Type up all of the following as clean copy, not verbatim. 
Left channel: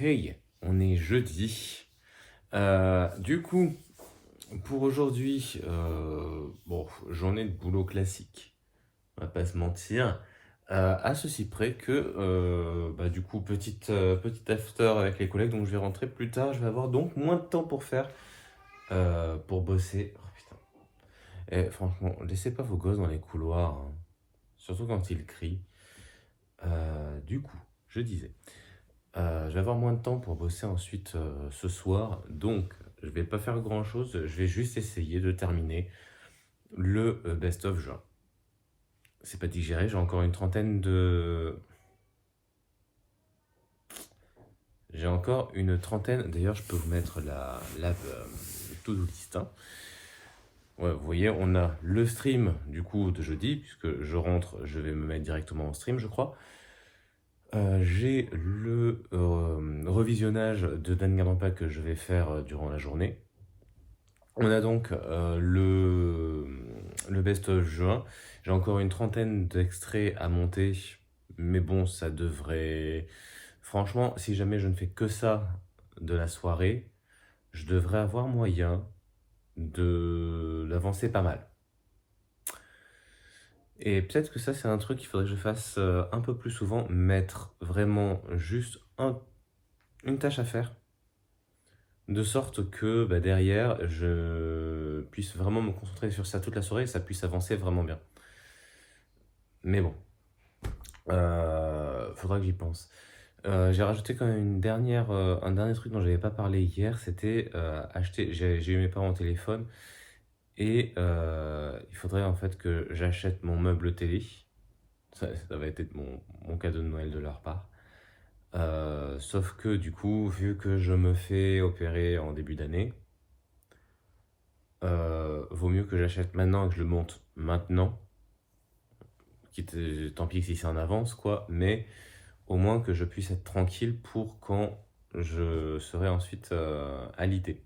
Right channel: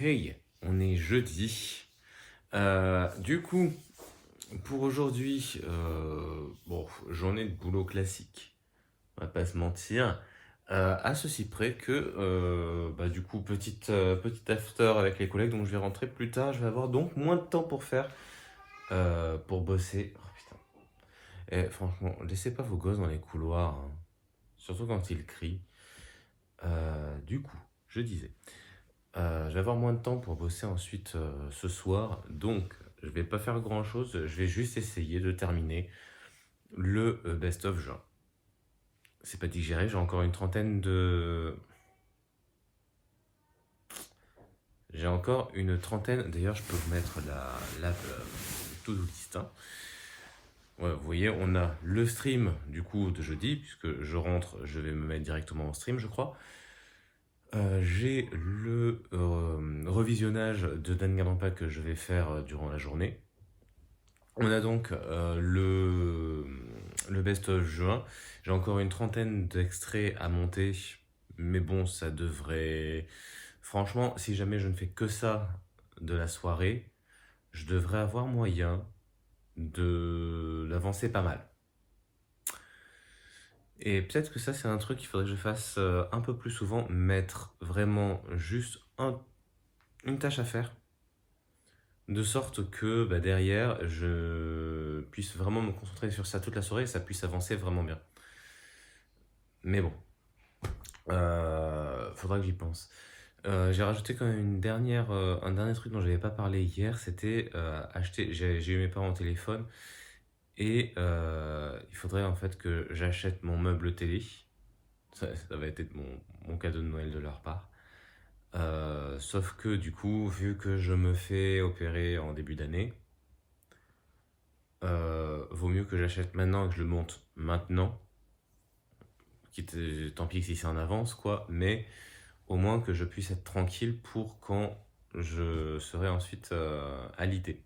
Hey, on est jeudi. Du coup, pour aujourd'hui, bon, journée de boulot classique, on va pas se mentir. À ceci près que, du coup, petite after avec les collègues, donc je vais rentrer plus tard. Je vais avoir donc moins de temps pour pour bosser. Oh putain. Et franchement, laissez pas vos gosses dans les couloirs, hein, surtout quand ils crient. Du coup, je disais. Je vais avoir moins de temps pour bosser ensuite ce soir, donc je vais pas faire grand chose, je vais juste essayer de terminer le best-of juin. C'est pas digéré, j'ai encore une trentaine de. J'ai encore une trentaine, d'ailleurs je peux vous mettre la to-do list, hein. Ouais, vous voyez, on a le stream du coup de jeudi, puisque je rentre, je vais me mettre directement en stream, je crois. J'ai le revisionnage de Danganronpa que je vais faire durant la journée. On a donc le best-of juin. J'ai encore une trentaine d'extraits à monter, mais bon, ça devrait. Franchement, si jamais je ne fais que ça de la soirée, je devrais avoir moyen d'avancer pas mal. Et peut-être que ça, c'est un truc qu'il faudrait que je fasse un peu plus souvent, mettre vraiment juste une tâche à faire, de sorte que derrière, je puisse vraiment me concentrer sur ça toute la soirée et ça puisse avancer vraiment bien. Mais bon, faudra que j'y pense. J'ai rajouté quand même un dernier truc dont j'avais pas parlé hier, c'était acheter. J'ai eu mes parents au téléphone et il faudrait en fait que j'achète mon meuble télé. Ça va être mon cadeau de Noël de leur part. Sauf que du coup, vu que je me fais opérer en début d'année, vaut mieux que j'achète maintenant et que je le monte maintenant. Tant pis si c'est en avance, quoi, mais au moins que je puisse être tranquille pour quand je serai ensuite alité.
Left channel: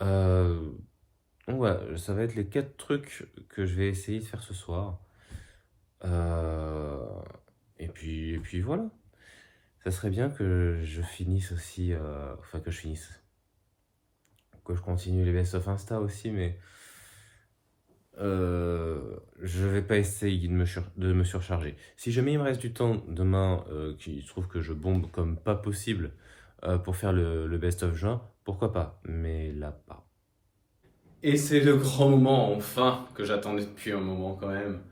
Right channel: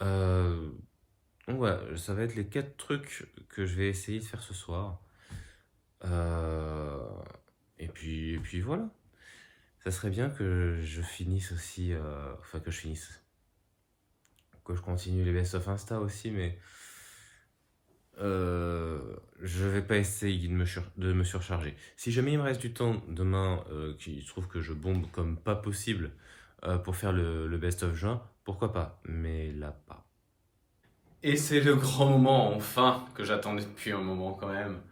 Euh, donc voilà, ça va être les 4 trucs que je vais essayer de faire ce soir. Euh, et puis voilà. Ça serait bien que je finisse aussi, que je continue les best-of Insta aussi, mais je vais pas essayer de me surcharger. Si jamais il me reste du temps demain, qu'il se trouve que je bombe comme pas possible pour faire le best-of juin, pourquoi pas, mais là pas. Et c'est le grand moment enfin que j'attendais depuis un moment quand même.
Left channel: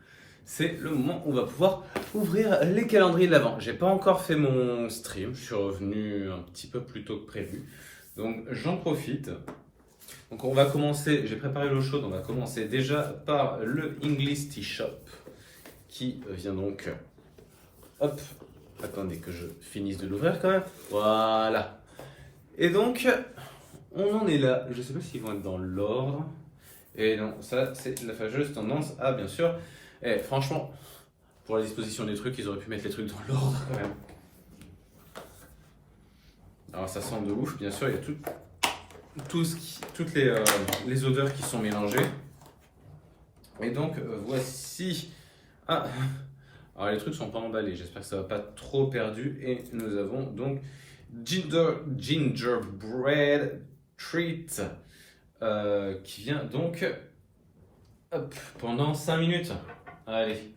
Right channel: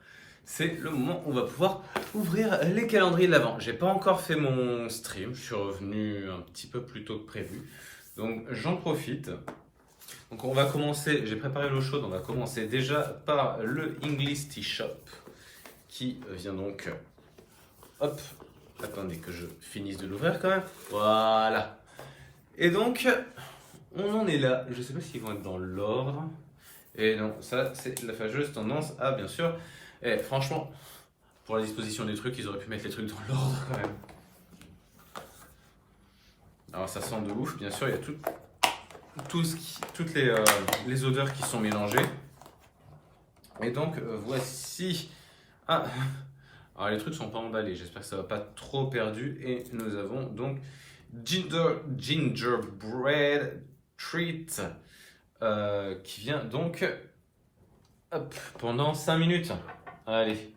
C'est le moment où on va pouvoir ouvrir les calendriers de l'Avent. J'ai pas encore fait mon stream, je suis revenu un petit peu plus tôt que prévu. Donc j'en profite. Donc on va commencer, j'ai préparé l'eau chaude, on va commencer déjà par le English Tea Shop qui vient donc, hop, attendez que je finisse de l'ouvrir quand même, voilà. Et donc on en est là, je sais pas s'ils vont être dans l'ordre, et non, ça c'est la fâcheuse tendance à bien sûr, et franchement, pour la disposition des trucs, ils auraient pu mettre les trucs dans l'ordre quand même. Alors ça sent de ouf, bien sûr, il y a toutes les odeurs qui sont mélangées. Et donc voici. Ah, alors les trucs sont pas emballés, j'espère que ça va pas trop perdu. Et nous avons donc Gingerbread Treat qui vient donc hop, pendant 5 minutes. Allez,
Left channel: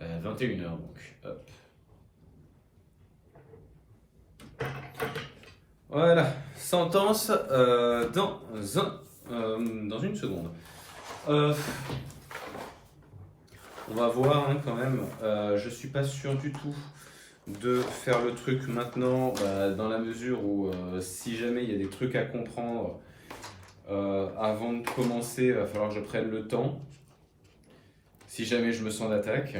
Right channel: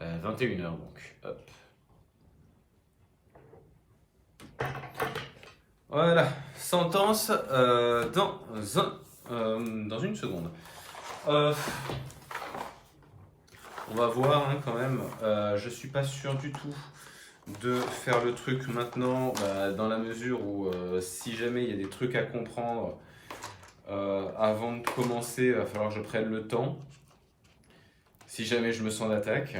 21h donc. Hop. Voilà, sentence dans une seconde. On va voir hein, quand même. Je suis pas sûr du tout de faire le truc maintenant, dans la mesure où si jamais il y a des trucs à comprendre avant de commencer, il va falloir que je prenne le temps. Si jamais je me sens d'attaque,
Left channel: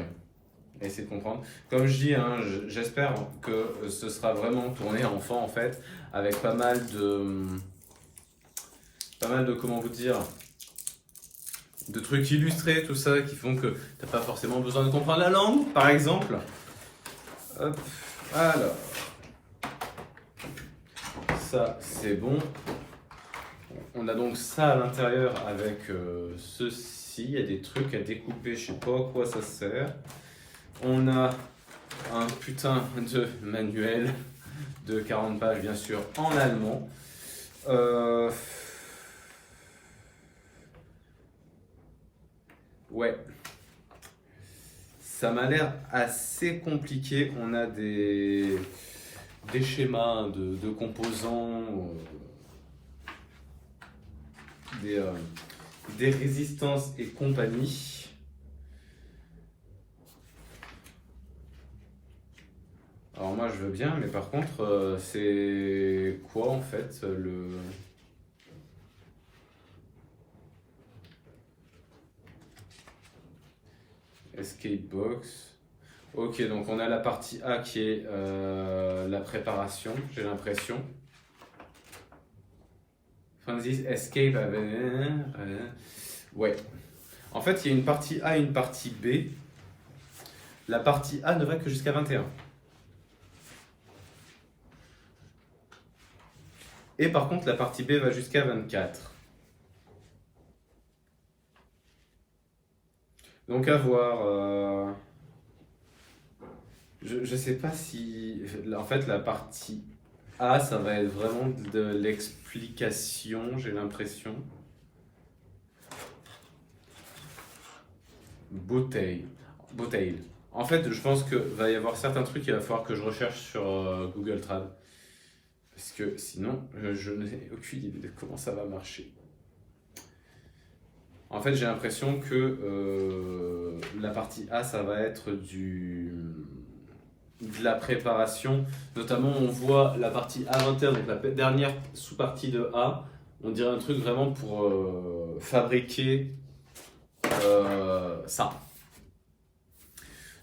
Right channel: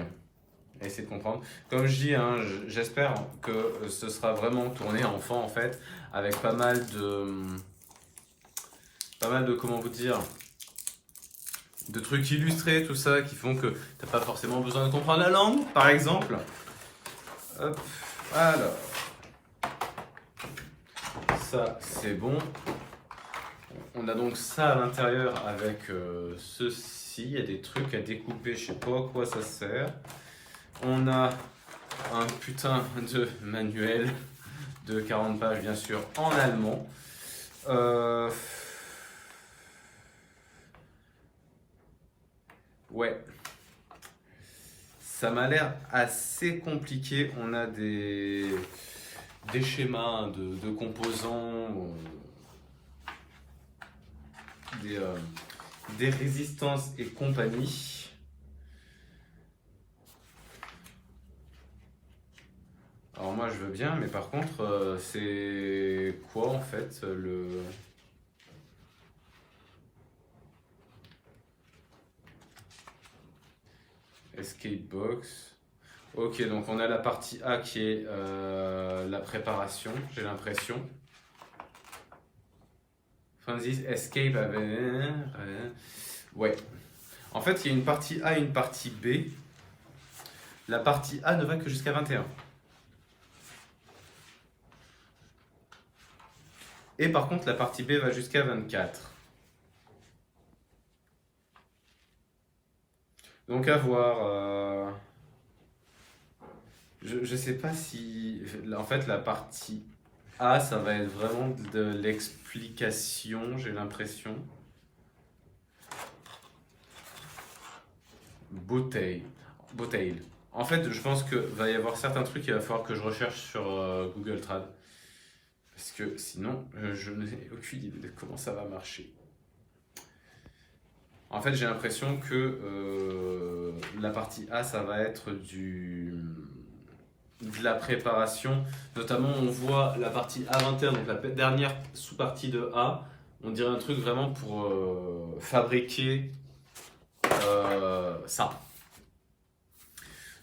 essayer de comprendre. Comme je dis, hein, j'espère que ce sera vraiment tourné enfant en fait, avec pas mal de comment vous dire, de trucs illustrés, tout ça, qui font que t'as pas forcément besoin de comprendre la langue, par exemple. Hop, alors, ça c'est bon. On a donc ça à l'intérieur avec ceci. Il y a des trucs à découper, je sais pas à quoi ça sert. On a un putain de manuel de 40 pages, bien sûr, en allemand. Euh, Ouais, ça m'a l'air assez compliqué. On a des schémas de composants, des, euh, des résistances et compagnie. Alors moi je veux bien, mais par contre, c'est quoi en fait le... Escape box. Ok, donc on a la partie A qui est la préparation, j'ai l'impression. Francis Escape avait... Ouais. En fait, il y a une partie A et une partie B. La partie A ne va que jusqu'à 21. Et par contre, la partie B va jusqu'à 24. Donc à voir. Je sais pas si... En fait, la partie A, ça va être vraiment de l'explication, j'ai l'impression. Bouteille. Bouteille. En fait, je pense que va y avoir certains trucs qu'il va falloir que je recherche sur Google Trad. Parce que sinon, je n'ai aucune idée de comment ça va marcher. En fait, j'ai l'impression que la partie A, ça va être de la préparation. Notamment, on voit la partie A21, donc la dernière sous-partie de A. On dirait un truc vraiment pour fabriquer ça.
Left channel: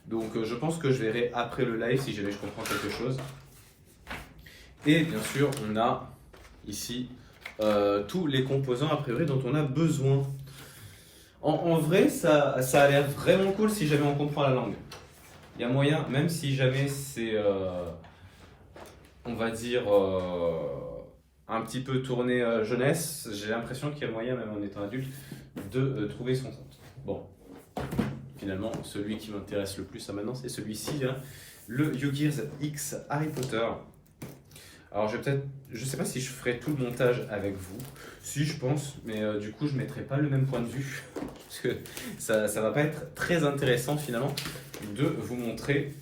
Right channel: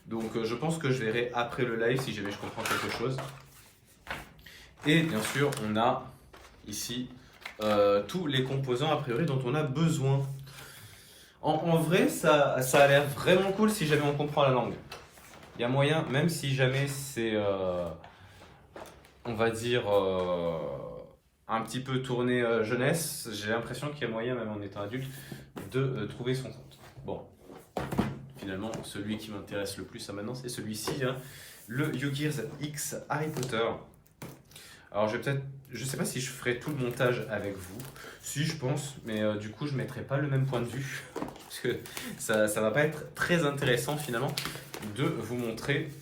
Donc, je pense que je verrai après le live si jamais je comprends quelque chose. Et bien sûr, on a ici tous les composants a priori dont on a besoin. En vrai, ça a l'air vraiment cool si jamais on comprend la langue. Il y a moyen, même si jamais c'est, on va dire, un petit peu tourné jeunesse, j'ai l'impression qu'il y a moyen, même en étant adulte, de trouver son compte. Bon, finalement, celui qui m'intéresse le plus à maintenant, c'est celui-ci, hein, le YouGears X Harry Potter. Alors je sais pas si je ferai tout le montage avec vous. Si, je pense, mais du coup je mettrai pas le même point de vue parce que ça va pas être très intéressant finalement de vous montrer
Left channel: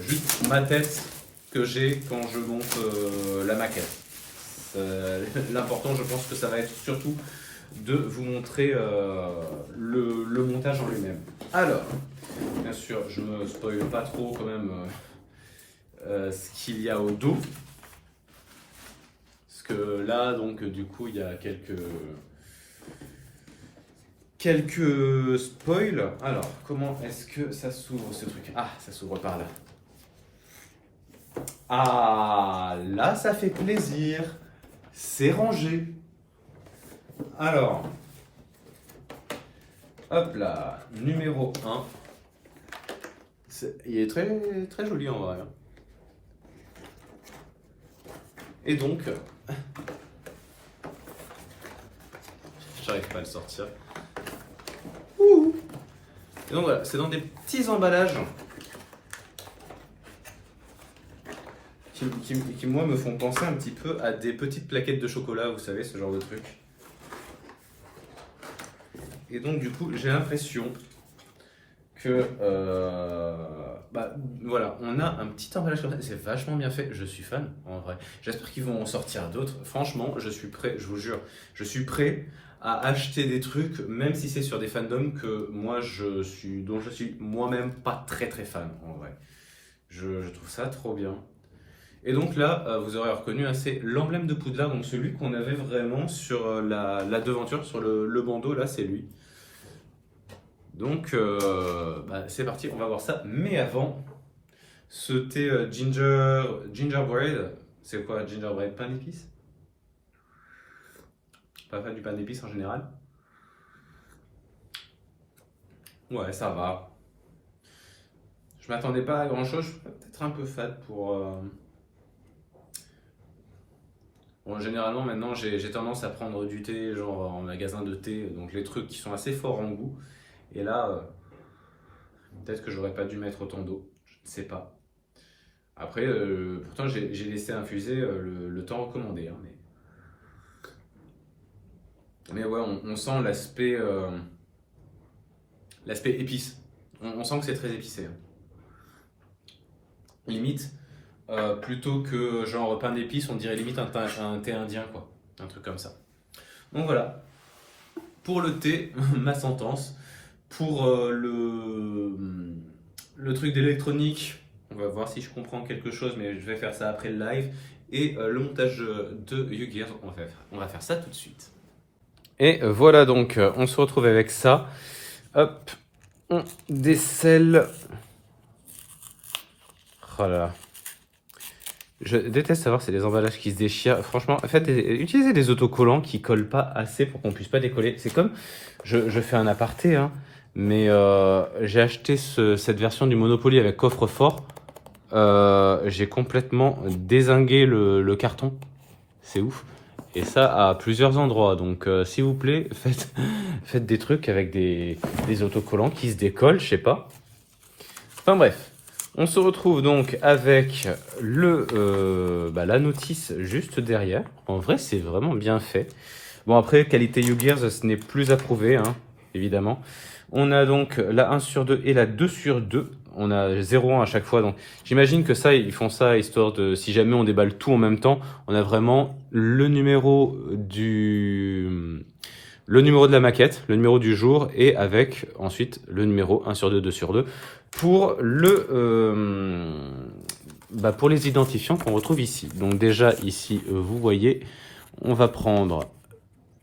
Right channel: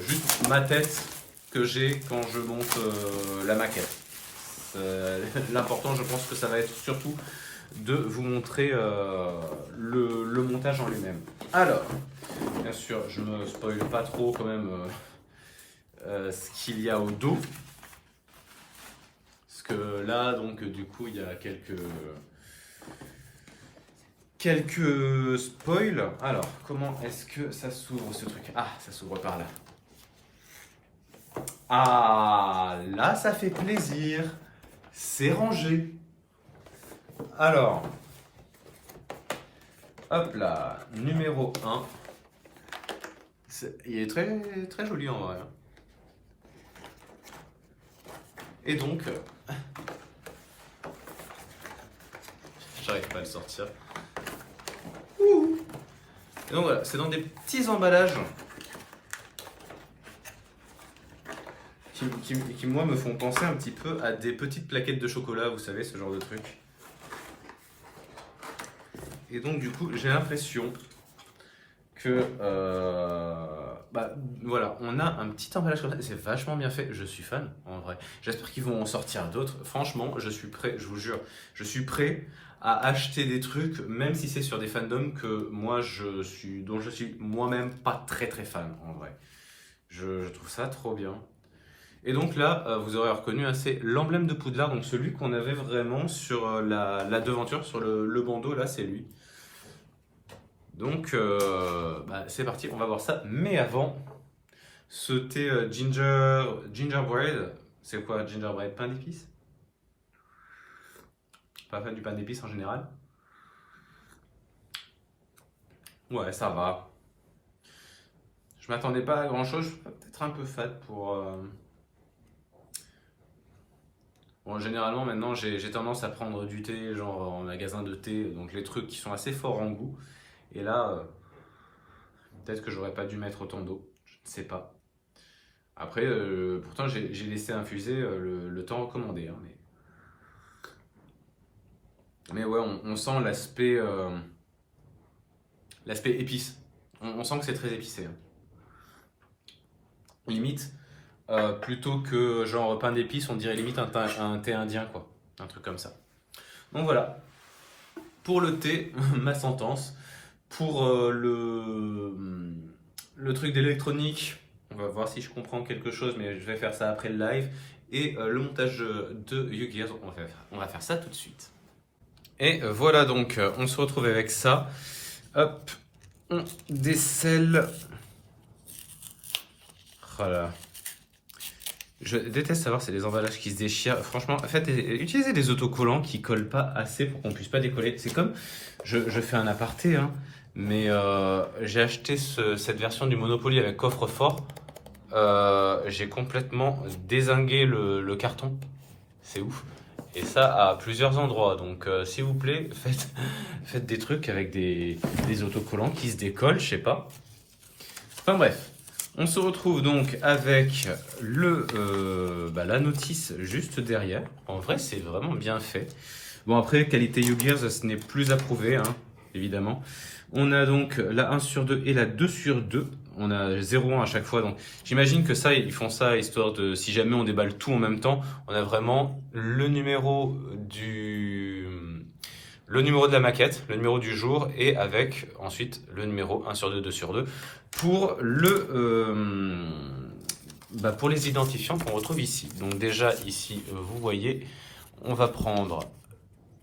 juste ma tête que j'ai quand je monte la maquette. L'important, je pense que ça va être surtout de vous montrer le montage en lui-même. Alors, bien sûr, je me spoil pas trop quand même. Ce qu'il y a au dos. Parce que là, donc, du coup, il y a quelques spoils. Alors, comment est-ce que ça s'ouvre ce truc? Ah, ça s'ouvre par là. Ah, là, ça fait plaisir. C'est rangé. Alors, hop là, numéro 1. Il est très, très joli en vrai. Et donc, j'arrive pas à le sortir. Ouh. Et donc voilà, c'est dans des petits emballages qui, moi, me font penser un petit peu à des petites plaquettes de chocolat, vous savez, ce genre de truc. Et donc, du coup, j'ai l'impression que, voilà, on a un petit emballage comme ça. C'est vachement bien fait. Je suis fan, en vrai. J'espère qu'ils vont en sortir d'autres. Franchement, je suis prêt, je vous jure. Je suis prêt à acheter des trucs, même si c'est sur des fandoms dont je suis moi-même pas très très fan, en vrai. Je trouve ça trop bien. Et donc là, vous aurez reconnu, hein, c'est l'emblème de Poudlard, donc celui qu'on avait vraiment sur la devanture, sur le bandeau, là, c'est lui. Donc, c'est parti, on va voir ça. Mais avant, ce thé gingerbread, c'est quoi gingerbread? Pain d'épices? Pas fan du pain d'épices en général. Ouais, ça va. Je m'attendais pas à grand chose, je suis peut-être un peu fade pour... Bon, généralement maintenant j'ai tendance à prendre du thé genre en magasin de thé, donc les trucs qui sont assez forts en goût. Et là, peut-être que j'aurais pas dû mettre autant d'eau, je ne sais pas. Après, pourtant, j'ai laissé infuser le temps recommandé, hein, mais ouais, on sent l'aspect épice. On sent que c'est très épicé, hein. Limite, plutôt que genre pain d'épices, on dirait limite un thé indien, quoi. Un truc comme ça. Donc voilà, pour le thé, ma sentence. Pour le truc d'électronique, on va voir si je comprends quelque chose, mais je vais faire ça après le live. Et le montage de YouGears, on va faire ça tout de suite. Et voilà, donc on se retrouve avec ça. Hop, on décèle. Oh là là. Je déteste savoir c'est les emballages qui se déchirent. Franchement, en fait, utilisez des autocollants qui collent pas assez pour qu'on puisse pas décoller. C'est comme, je fais un aparté, hein, mais j'ai acheté cette version du Monopoly avec coffre-fort. J'ai complètement dézingué le carton. C'est ouf. Et ça à plusieurs endroits. Donc, s'il vous plaît, faites des trucs avec des autocollants qui se décollent, je sais pas. Enfin bref. On se retrouve donc avec la notice juste derrière. En vrai, c'est vraiment bien fait. Bon, après, qualité YouGears, ce n'est plus approuvé, hein, évidemment. On a donc la 1 sur 2 et la 2 sur 2. On a 0,1 à chaque fois. Donc, j'imagine que ça, ils font ça histoire de, si jamais on déballe tout en même temps, on a vraiment le numéro de la maquette, le numéro du jour et avec ensuite le numéro 1 sur 2, 2 sur 2 pour pour les identifiants qu'on retrouve ici. Donc déjà ici, vous voyez, on va prendre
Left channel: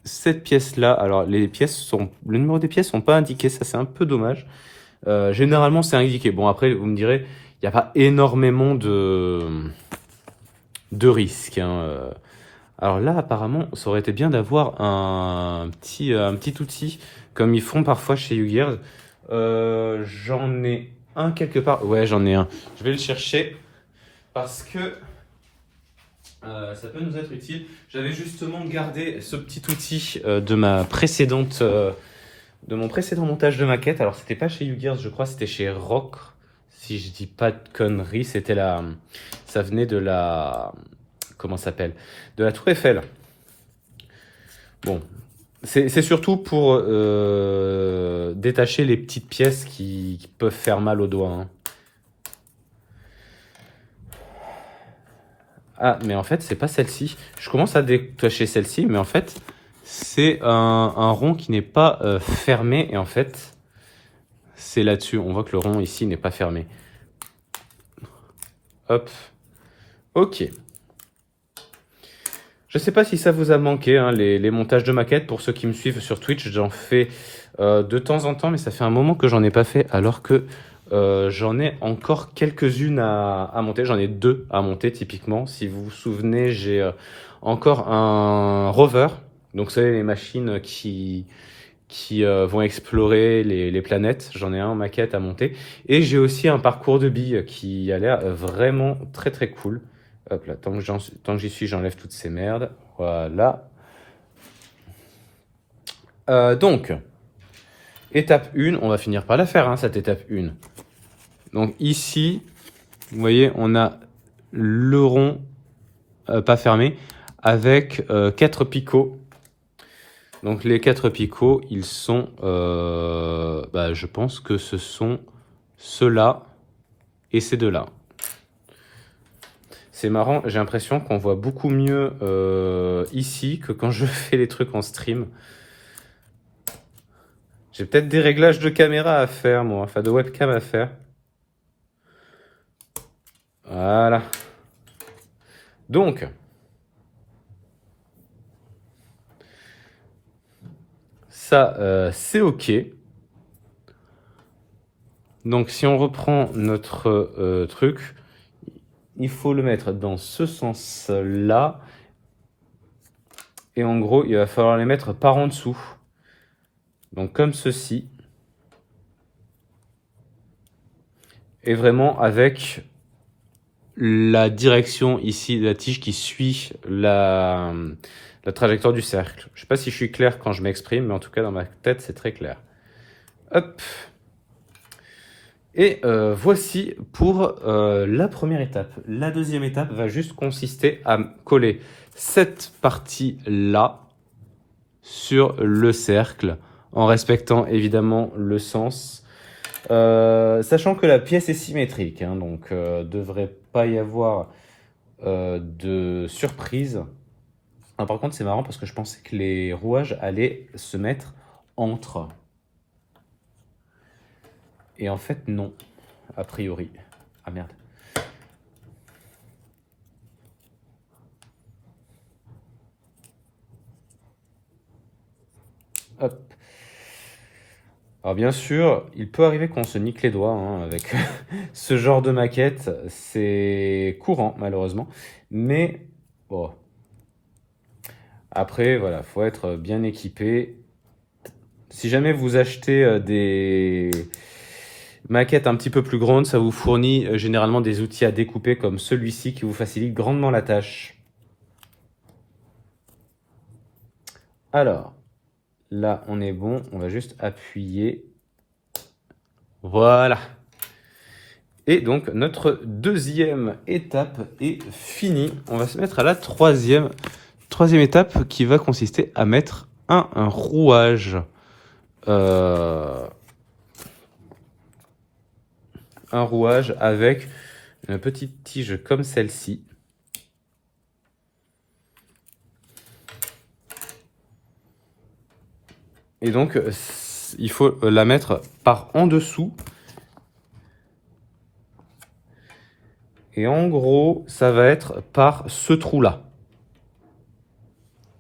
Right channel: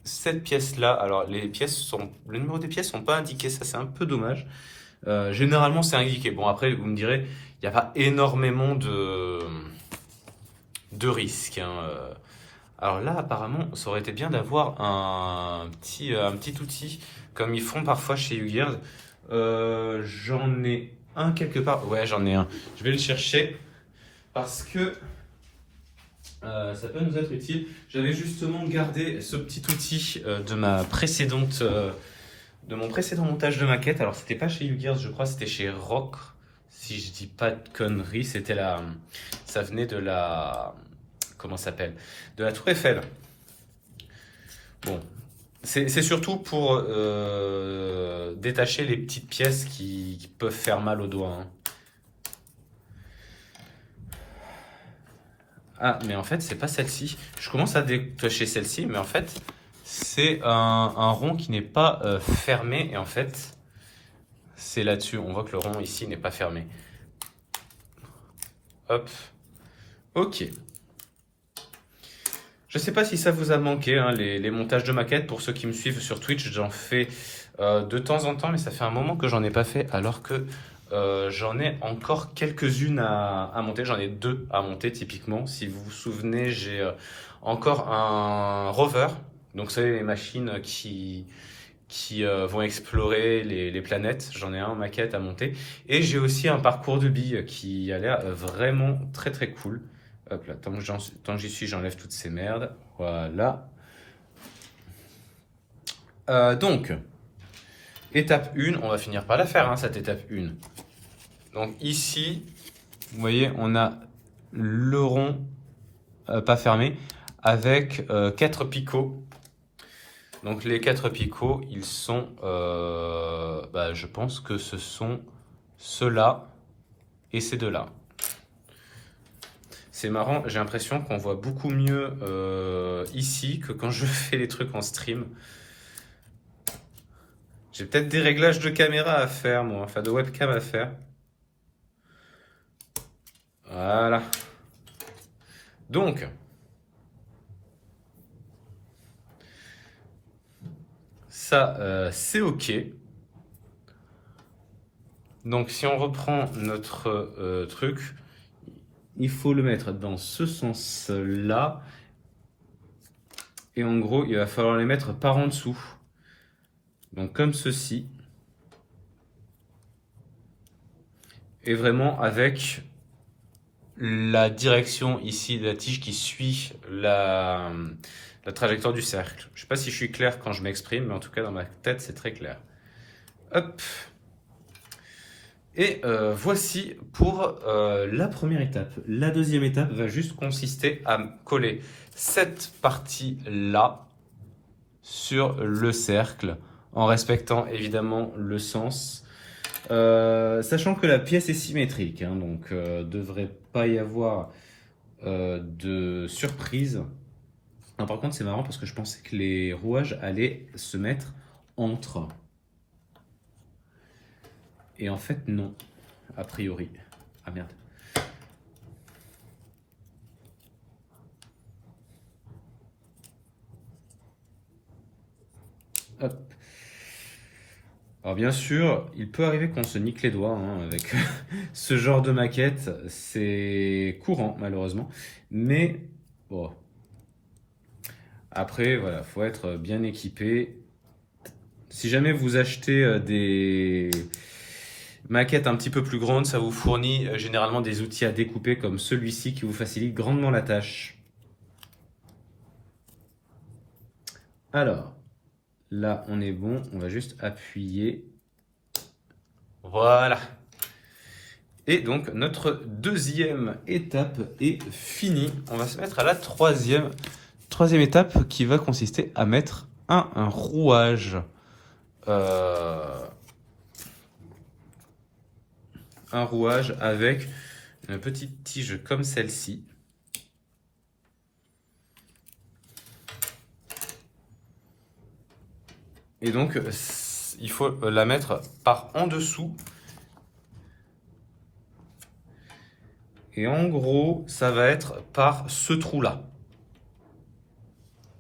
cette pièce-là. Alors le numéro des pièces sont pas indiqués, ça c'est un peu dommage. Généralement c'est indiqué. Bon après vous me direz, il n'y a pas énormément de risques, hein. Alors là apparemment ça aurait été bien d'avoir un petit outil comme ils font parfois chez YouGears. J'en ai un quelque part. Ouais, j'en ai un. Je vais le chercher parce que ça peut nous être utile. J'avais justement gardé ce petit outil de mon précédent montage de maquette. Alors, c'était pas chez YouGears, je crois, c'était chez Rock. Si je dis pas de conneries, ça venait de la, comment ça s'appelle? De la Tour Eiffel. Bon, c'est surtout pour détacher les petites pièces qui peuvent faire mal aux doigts, hein. Ah, mais en fait, c'est pas celle-ci. Je commence à détacher celle-ci, mais en fait, c'est un rond qui n'est pas fermé. Et en fait, c'est là-dessus. On voit que le rond ici n'est pas fermé. Hop. Ok. Je sais pas si ça vous a manqué, hein, les montages de maquettes. Pour ceux qui me suivent sur Twitch, j'en fais de temps en temps, mais ça fait un moment que j'en ai pas fait, alors que j'en ai encore quelques-unes à monter. J'en ai 2 à monter typiquement. Si vous vous souvenez, j'ai encore un rover. Donc vous savez, les machines qui vont explorer les planètes. J'en ai un en maquette à monter. Et j'ai aussi un parcours de billes qui a l'air vraiment très très cool. Hop là, tant que j'y suis, j'enlève toutes ces merdes. Voilà. Donc, étape 1, on va finir par la faire, hein, cette étape 1. Donc ici, vous voyez, on a le rond pas fermé avec 4 picots. Donc les 4 picots, ils sont, je pense que ce sont ceux-là et ces deux-là. C'est marrant, j'ai l'impression qu'on voit beaucoup mieux ici que quand je fais les trucs en stream. J'ai peut-être des réglages de caméra à faire, moi, enfin de webcam à faire. Voilà. Donc, ça, c'est OK. Donc, si on reprend notre truc, il faut le mettre dans ce sens-là. Et en gros, il va falloir les mettre par en dessous. Donc, comme ceci. Et vraiment avec la direction ici de la tige qui suit la trajectoire du cercle. Je ne sais pas si je suis clair quand je m'exprime, mais en tout cas dans ma tête c'est très clair. Hop. Et voici pour la première étape. La deuxième étape va juste consister à coller cette partie-là sur le cercle, en respectant évidemment le sens. Sachant que la pièce est symétrique, hein, donc devrait pas y avoir de surprise. Ah, par contre, c'est marrant parce que je pensais que les rouages allaient se mettre entre. Et en fait, non, a priori. Ah merde. Hop. Alors bien sûr, il peut arriver qu'on se nique les doigts hein, avec ce genre de maquette. C'est courant, malheureusement. Mais bon. Après, voilà, faut être bien équipé. Si jamais vous achetez des maquettes un petit peu plus grandes, ça vous fournit généralement des outils à découper comme celui-ci qui vous facilite grandement la tâche. Alors, là, on est bon. On va juste appuyer. Voilà. Et donc, notre deuxième étape est finie. On va se mettre à la troisième étape qui va consister à mettre un rouage. Un rouage avec une petite tige comme celle-ci. Et donc, il faut la mettre par en dessous. Et en gros, ça va être par ce trou-là.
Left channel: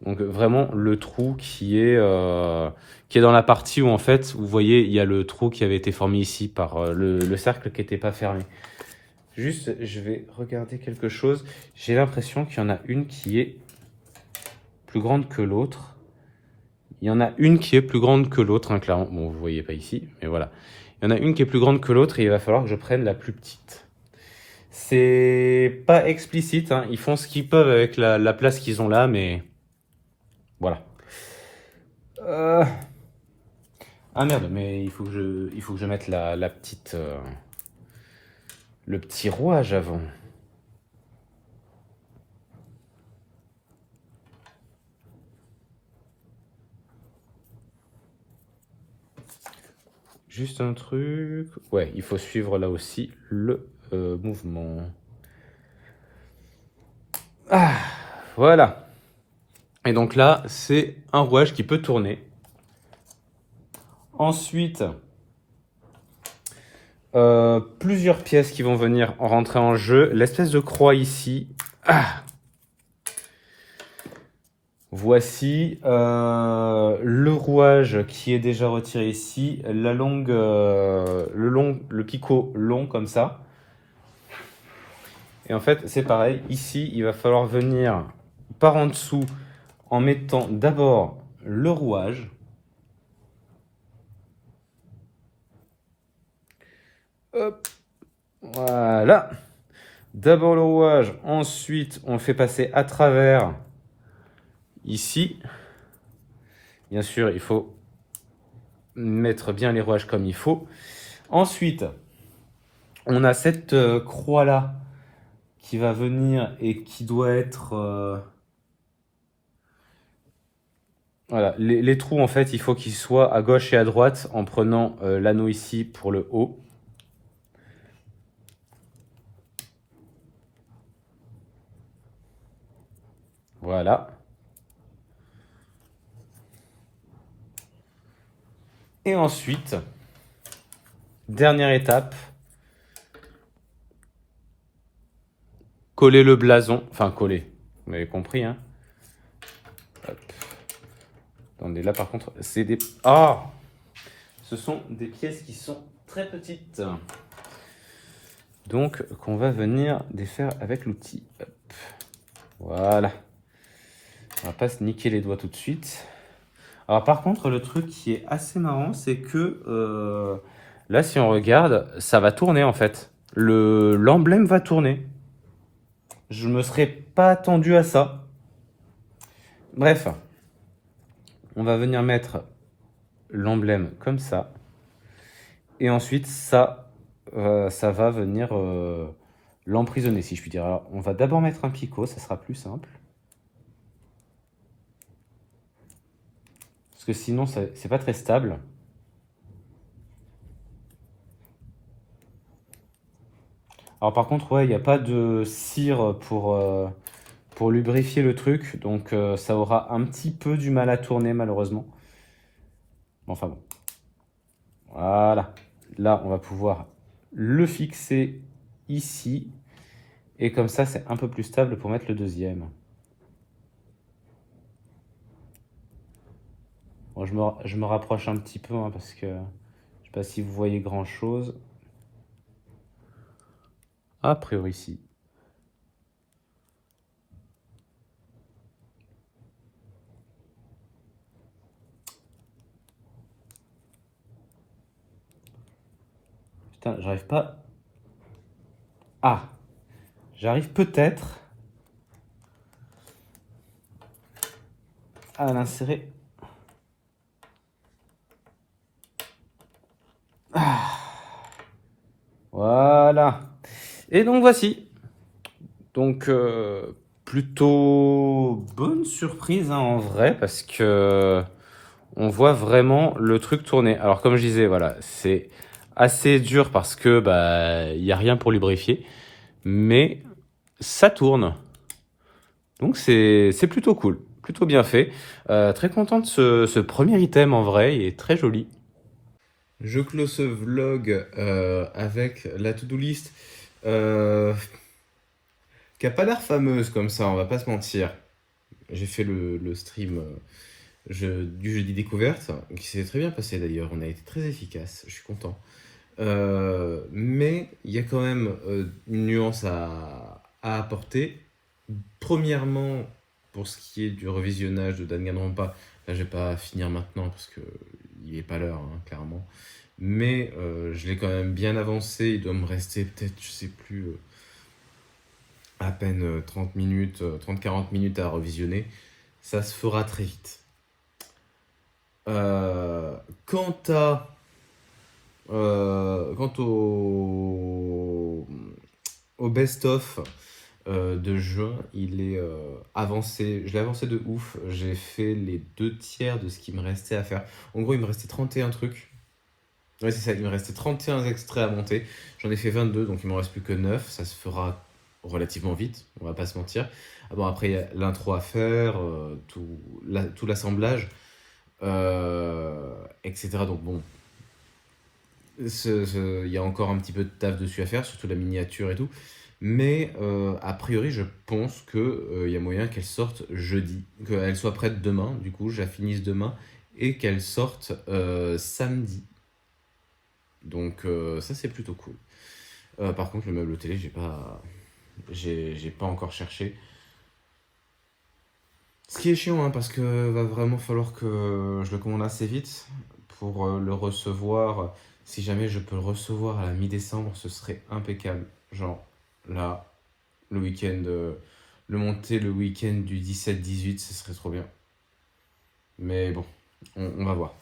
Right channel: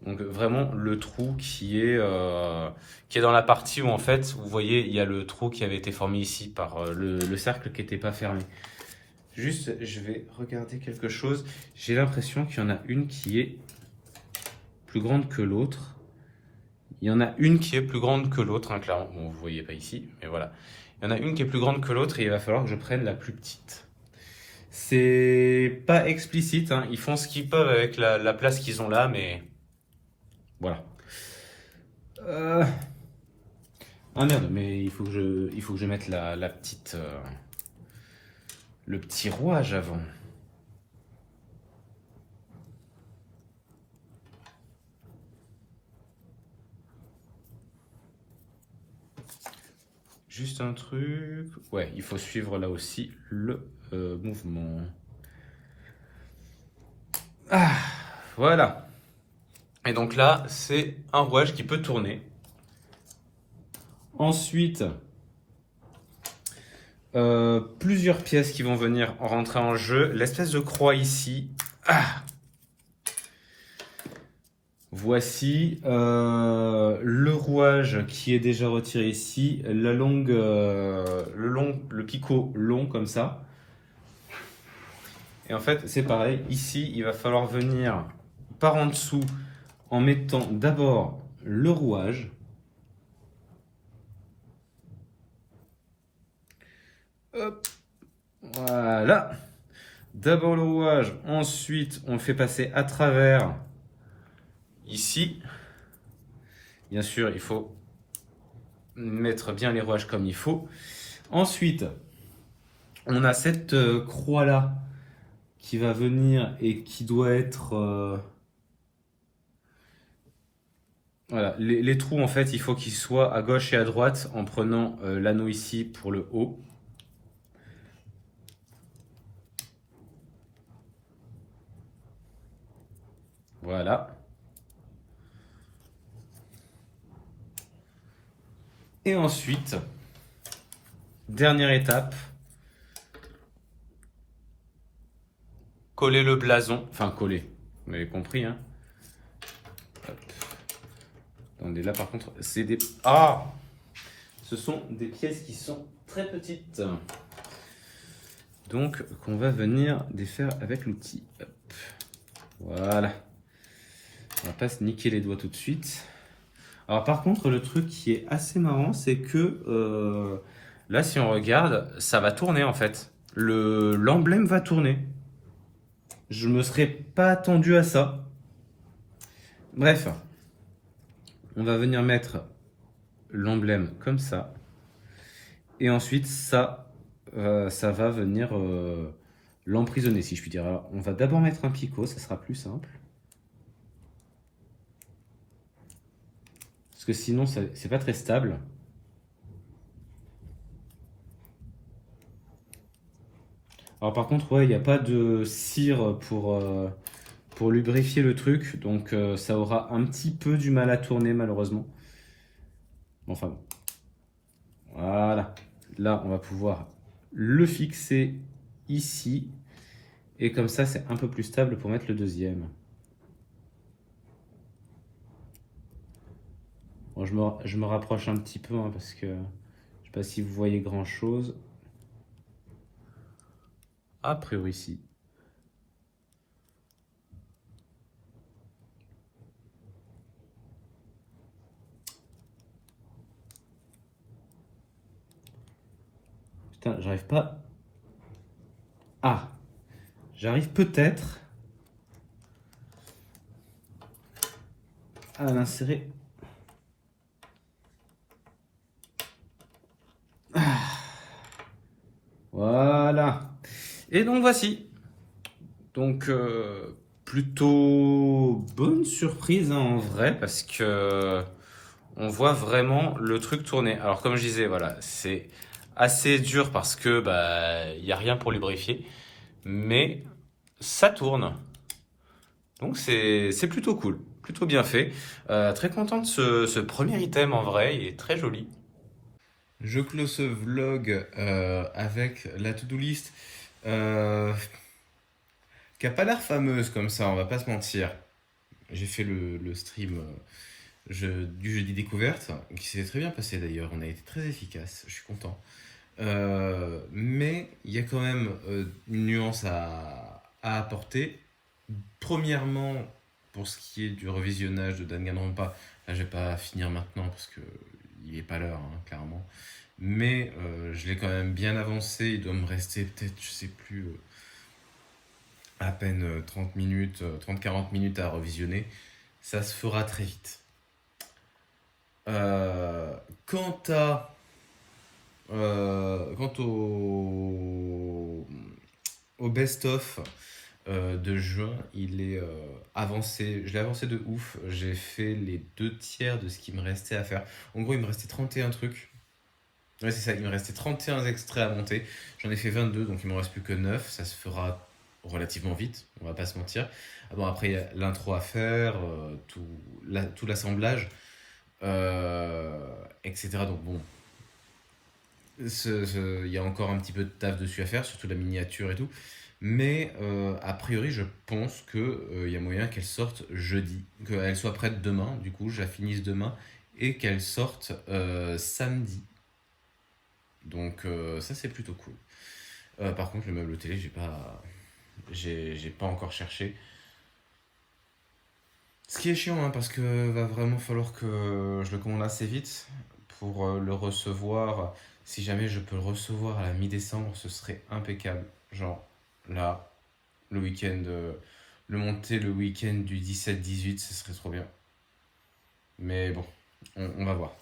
Donc vraiment le trou qui est dans la partie où en fait, vous voyez, il y a le trou qui avait été formé ici par le cercle qui n'était pas fermé. Juste, je vais regarder quelque chose. J'ai l'impression qu'il y en a une qui est plus grande que l'autre. Il y en a une qui est plus grande que l'autre, hein, clairement. Bon, vous ne voyez pas ici, mais voilà. Il y en a une qui est plus grande que l'autre et il va falloir que je prenne la plus petite. C'est pas explicite, hein. Ils font ce qu'ils peuvent avec la place qu'ils ont là, mais voilà. Ah merde, mais il faut que je mette la petite, le petit rouage avant. Juste un truc. Ouais, il faut suivre là aussi le mouvement. Ah, voilà. Et donc là, c'est un rouage qui peut tourner. Ensuite, plusieurs pièces qui vont venir rentrer en jeu. L'espèce de croix ici. Ah. Voici le rouage qui est déjà retiré ici, la longue, le picot long comme ça. Et en fait, c'est pareil. Ici, il va falloir venir par en dessous en mettant d'abord le rouage. Hop, voilà. D'abord le rouage, ensuite on fait passer à travers ici. Bien sûr, il faut mettre bien les rouages comme il faut. Ensuite, on a cette croix-là qui va venir et qui doit être... Voilà, les trous en fait, il faut qu'ils soient à gauche et à droite en prenant l'anneau ici pour le haut. Voilà. Et ensuite, dernière étape, coller le blason. Enfin, coller, vous m'avez compris, hein. Hop. Attendez, là par contre, c'est des... Ah! Ce sont des pièces qui sont très petites. Donc, qu'on va venir défaire avec l'outil. Voilà. On va pas se niquer les doigts tout de suite. Alors par contre, le truc qui est assez marrant, c'est que là, si on regarde, ça va tourner en fait. L'emblème va tourner. Je me serais pas attendu à ça. Bref, on va venir mettre l'emblème comme ça. Et ensuite, ça ça va venir l'emprisonner, si je puis dire. Alors, on va d'abord mettre un picot, ça sera plus simple. Parce que sinon, c'est pas très stable. Alors par contre, ouais, il n'y a pas de cire pour lubrifier le truc, donc ça aura un petit peu du mal à tourner malheureusement. Enfin bon. Voilà. Là, on va pouvoir le fixer ici. Et comme ça, c'est un peu plus stable pour mettre le deuxième. Bon, je me rapproche un petit peu hein, parce que je ne sais pas si vous voyez grand chose. A priori, si. Putain, j'arrive pas. Ah! J'arrive peut-être à l'insérer. Voilà. Et donc voici. Donc plutôt bonne surprise hein, en vrai parce que on voit vraiment le truc tourner. Alors comme je disais, voilà, c'est assez dur parce que bah il y a rien pour lubrifier, mais ça tourne. Donc c'est plutôt cool, plutôt bien fait. Très content de ce premier item en vrai, il est très joli. Je close ce vlog avec la to-do list qui a pas l'air fameuse comme ça, on va pas se mentir. J'ai fait le stream du jeudi découverte, qui s'est très bien passé d'ailleurs, on a été très efficace, je suis content. Mais il y a quand même une nuance à apporter. Premièrement, pour ce qui est du revisionnage de Danganronpa, là je vais pas finir maintenant parce que il est pas l'heure, hein, clairement. Mais je l'ai quand même bien avancé, il doit me rester peut-être, je sais plus, à peine 30 minutes, 30-40 minutes à revisionner. Ça se fera très vite. Euh, quant à, quant au best-of de juin, il est avancé. Je l'ai avancé de ouf. J'ai fait les 2 tiers de ce qui me restait à faire. En gros, il me restait 31 trucs. Ouais, c'est ça, il me restait 31 extraits à monter. J'en ai fait 22, donc il m'en reste plus que 9. Ça se fera relativement vite, on va pas se mentir. Ah bon, après, il y a l'intro à faire, tout l'assemblage, etc. Donc bon, il y a encore un petit peu de taf dessus à faire, surtout la miniature et tout. Mais a priori, je pense qu'il y a moyen qu'elle sorte jeudi, qu'elle soit prête demain, du coup, je la finisse demain, et qu'elle sorte samedi. Donc ça, c'est plutôt cool. Par contre, le meuble télé, j'ai pas encore cherché. Ce qui est chiant, hein, parce que va vraiment falloir que je le commande assez vite pour le recevoir. Si jamais je peux le recevoir à la mi-décembre, ce serait impeccable. Genre, là, le week-end, le monter le week-end du 17-18, ce serait trop bien. Mais bon, on va voir.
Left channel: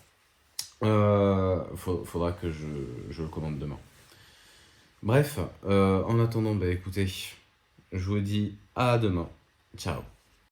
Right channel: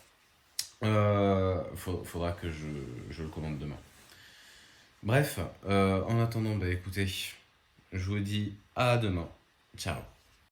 Faudra que je le commande demain. Bref, en attendant, bah écoutez, je vous dis à demain. Ciao.